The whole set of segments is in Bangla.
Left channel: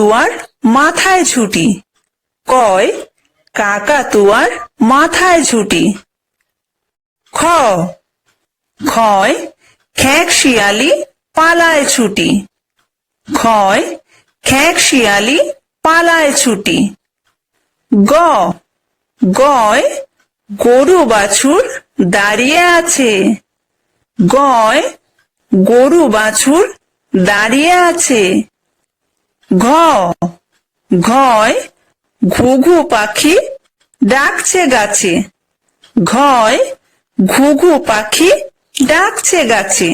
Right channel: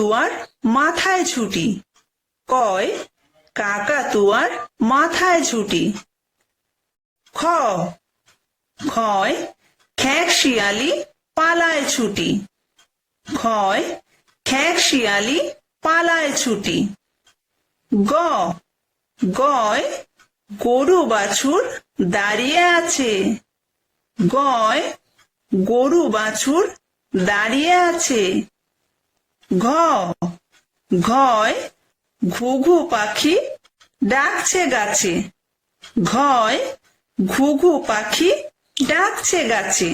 কাকাতুয়ার মাথায় ছুটি। কয় কাকাতুয়ার মাথায় ছুটি। খ খয় খেক শিয়ালি পালায় ছুটি। খয় খেক শিয়ালি পালায় ছুটি। গ গয় গরু বাছুর দাঁড়িয়ে আছে। গয় গরু বাছুর দাঁড়িয়ে আছে। ঘ ঘয় ঘুঘু পাখি ডাকছে গাছে। ঘয় ঘুঘু পাখি ডাকছে গাছে।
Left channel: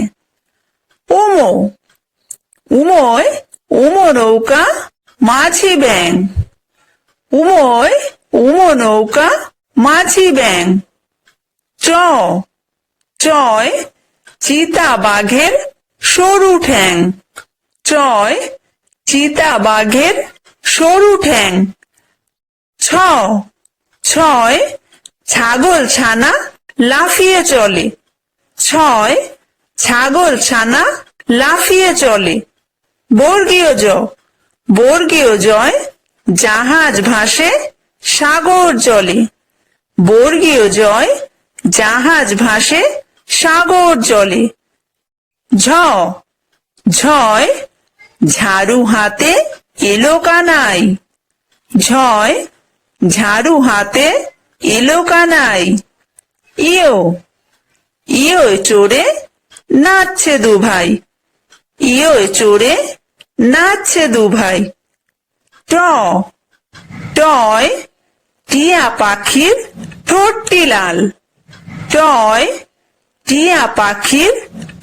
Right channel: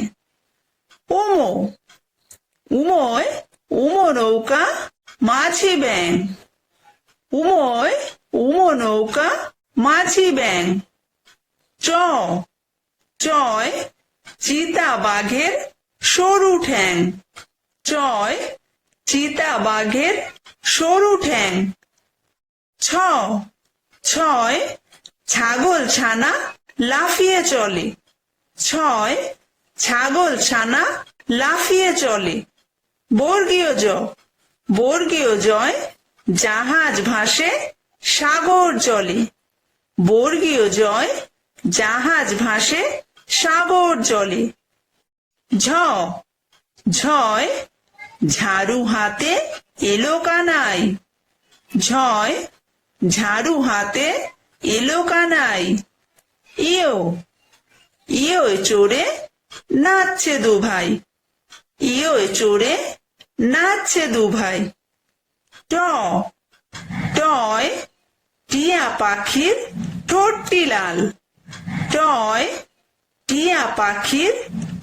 উমো উময় উমো নৌকা মাঝি ব্যাং। উময় উমো নৌকা মাঝি ব্যাং। চ চয় চিতা বাঘের সরু ঠ্যাং। চয় চিতা বাঘের সরু ঠ্যাং। ছ ছয় ছাগল ছানা লাফিয়ে চলে। ছয় ছাগল ছানা লাফিয়ে চলে। বর্গীয় জ বর্গীয় জয় জাহাজ ভাসে সাগর জলে। বর্গীয় জয় জাহাজ ভাসে সাগর জলে। ঝ ঝয় ঝাড়ু হাতে এলো কানাই। ঝয় ঝাড়ু হাতে এলো কানাই। ইয়ো ইয়ো চড়ে নাচছে দু ভাই। ইয়ো চড়ে নাচছে দু ভাই। ট টয় টিয়া পাখির ঠোঁটটি লাল। টয় টিয়া পাখির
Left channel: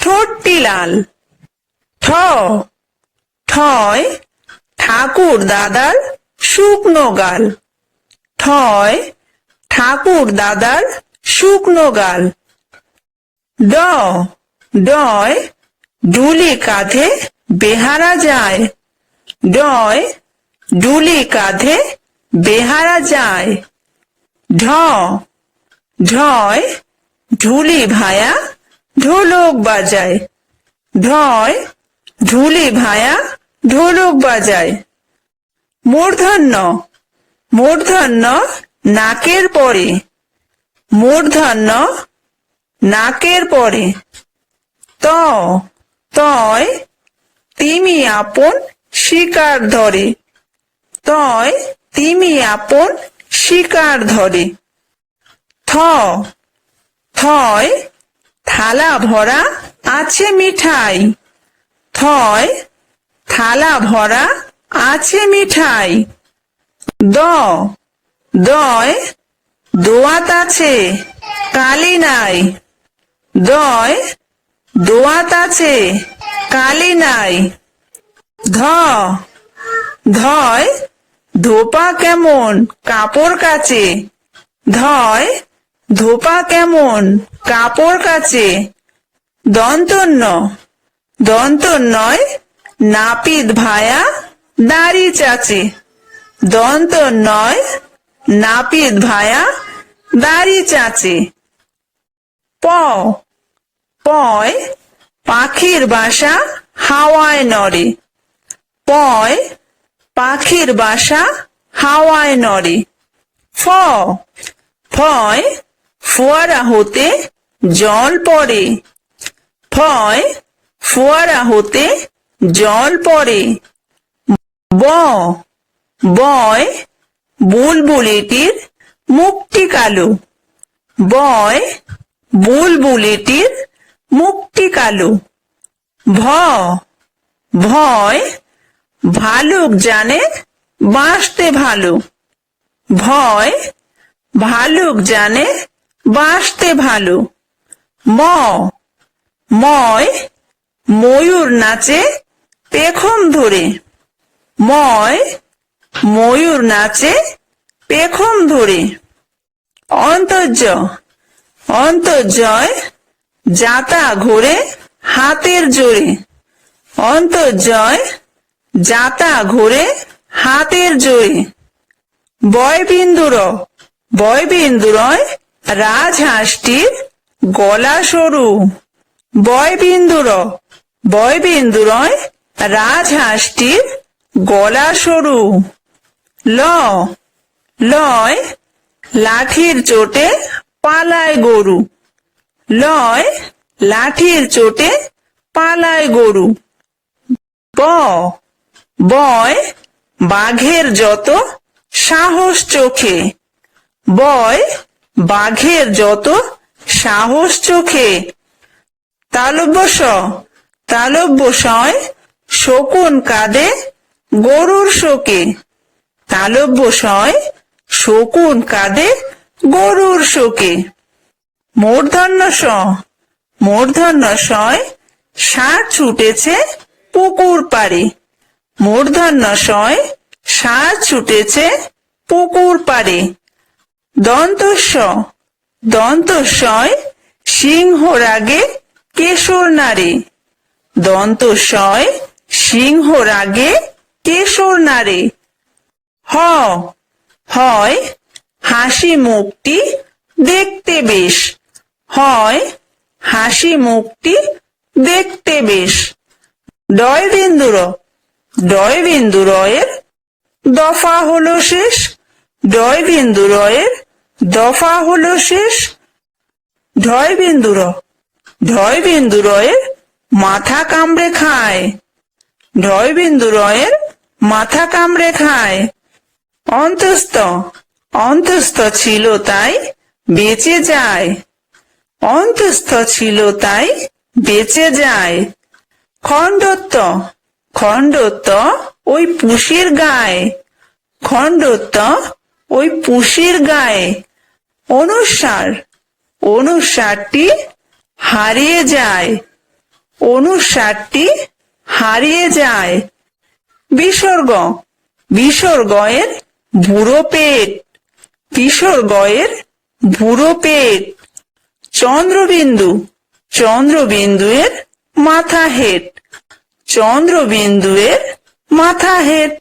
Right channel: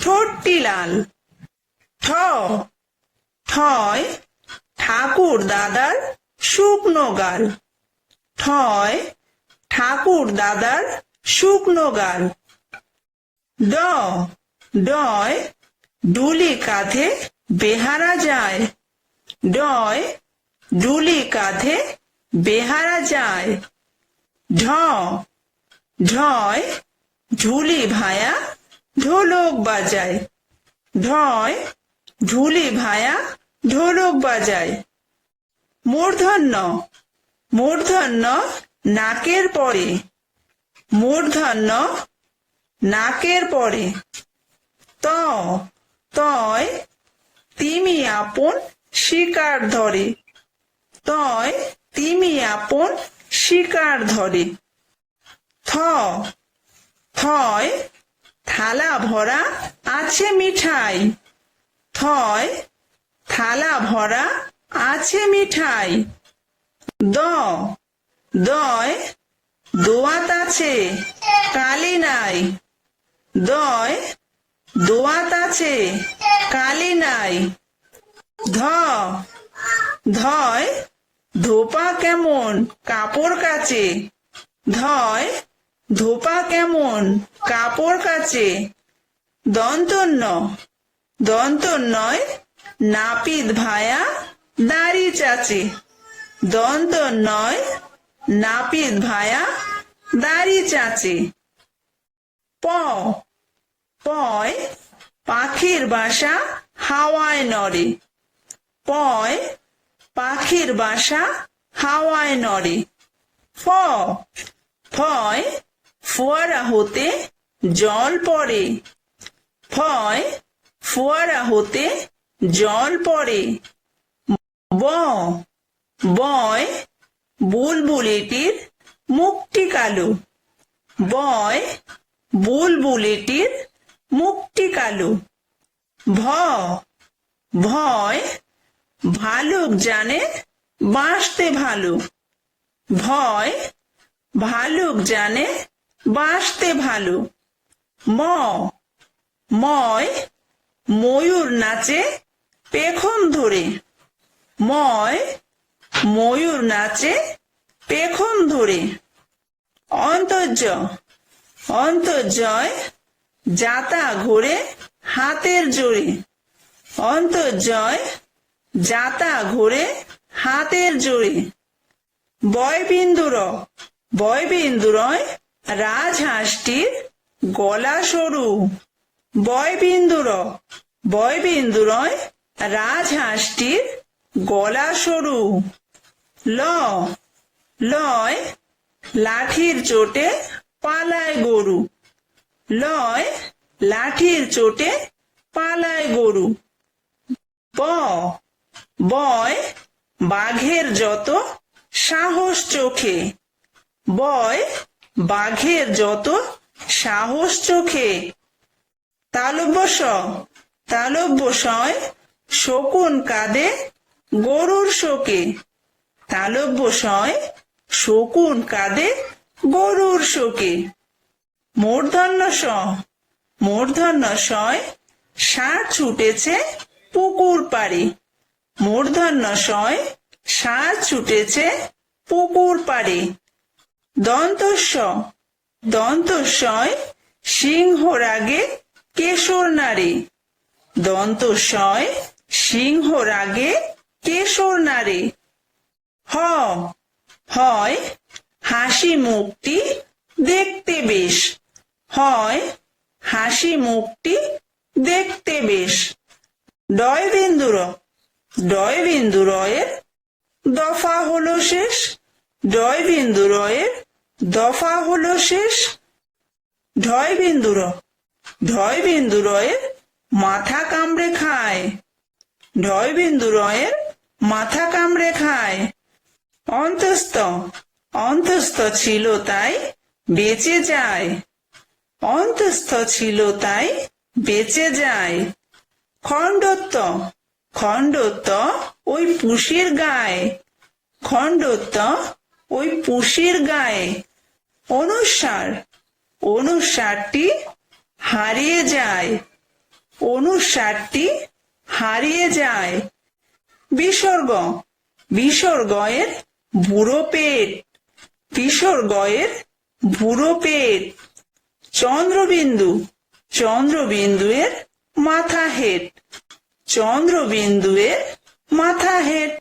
ঠোঁটটি লাল। ঠ ঠয় ঠাকুর দাদার শুকনো গাল। ঠয় ঠাকুর দাদার শুকনো গাল। ড ডয় ডুলি কাঁধে বেহারা যায়। ডয় ডুলি কাঁধে বেহারা যায়। ঢ ঢয় ঢুলি ভায়া ঢোলক বাজায়। ঢয় ঢুলি ভায়া ঢোলক বাজায়। মূর্ধন্য মূর্ধন্য নাকের পরে। মূর্ধন্য নাকের পরে। ত তয় তিমি আপন শিকার ধরে। তয় তিমি আপন শিকার ধরে। থ থয় থালা ভরা আছে মিঠাই। থয় থালা ভরা আছে মিঠাই। দ দয় দোয়াত আছে কালি নাই। দয় দোয়াত আছে কালি নাই। ধ ধয় ধোপা কেমন কাপড় কাচে। ধয় ধোপা কেমন কাপড় কাচে। দন্তন্য দন্তন্যয় নাপিত ভায়া দাড়ি চাচে। দন্তন্যয় নাপিত ভায়া দাড়ি চাচে। প পয় পাখির বাসা হাওয়ায় নড়ে। পয় পাখির বাসা হাওয়ায় নড়ে। ফ ফয় ফোয়ারা হতে জল পড়ে। ফয় ফোয়ারা হতে জল পড়ে। ব বয় বুলবুলিটির মুখটি কালো। বয় বুলবুলিটির মুখটি কালো। ভ ভয় ভালুক জানে বাঁচতে ভালো। ভয় ভালুক জানে বাঁচতে ভালো। ম ময় ময়ূর নাচে পেখম ধরে। ময় ময়ূর নাচে পেখম ধরে। অন্তর্য অন্তর্জয় যাতা ঘোরে হাতের জোরে। অন্তর্জয় যাতা ঘোরে হাতের জোরে। বয়বিন্দুর বয়বিন্দুরয় রাজহাঁসটির গলা সরু। বয়বিন্দুর বয়বিন্দুরয় রাজহাঁসটির গলা সরু। ল, লয় লাঠির চোটে পালায় গরু। লয় লাঠির চোটে পালায় গরু। ব, বয় বাঘের যত সাহস চোখে। বয় বাঘের যত সাহস চোখে। তালব্য স, তালব্য সয় শকুন কাঁদে গরুর শোকে। তালব্য সয় শকুন কাঁদে গরুর শোকে। মূর্ধন্য স, মূর্ধন্য সয় ষাঁড় ছুটেছে পুকুর পাড়ে। মূর্ধন্য সয় ষাঁড় ছুটেছে পুকুর পাড়ে। দন্ত স, দন্ত সয় সিংহ রাগে কেশর নাড়ে। দন্ত সয় সিংহ রাগে কেশর নাড়ে। হ, হয় হাসি মুখটি দেখতে বেশ। হয় হাসি মুখটি দেখতে বেশ। ডয় বিন্দু র, ডয় বিন্দু রয়ের দফা হলো শেষ। ডয় বিন্দু রয়ের দফা হলো শেষ। ঢয় বিন্দু র, ঢয় বিন্দু রয়ের মাথা কামড়ে খায়। ঢয় বিন্দু রয়ের মাথা কামড়ে খায়। অন্তস্থ, অন্তস্থ ছিল তাই বেঁচে যায়। অন্তস্থ ছিল তাই বেঁচে যায়। খণ্ডত্ব, খণ্ডত্ব ওই পুষির গায়ে। খণ্ডত্ব ওই পুষির গায়ে। অনুসার, অনুসারটি হারিয়ে যায়। অনুসারটি হারিয়ে যায়। বিসর্গ, বিসর্গয়ের বুড়ো পেট। বিসর্গয়ের বুড়ো পেট। চন্দ্রবিন্দু, চন্দ্রবিন্দুয়ের মাথা হেট। চন্দ্রবিন্দুয়ের মাথা হেট।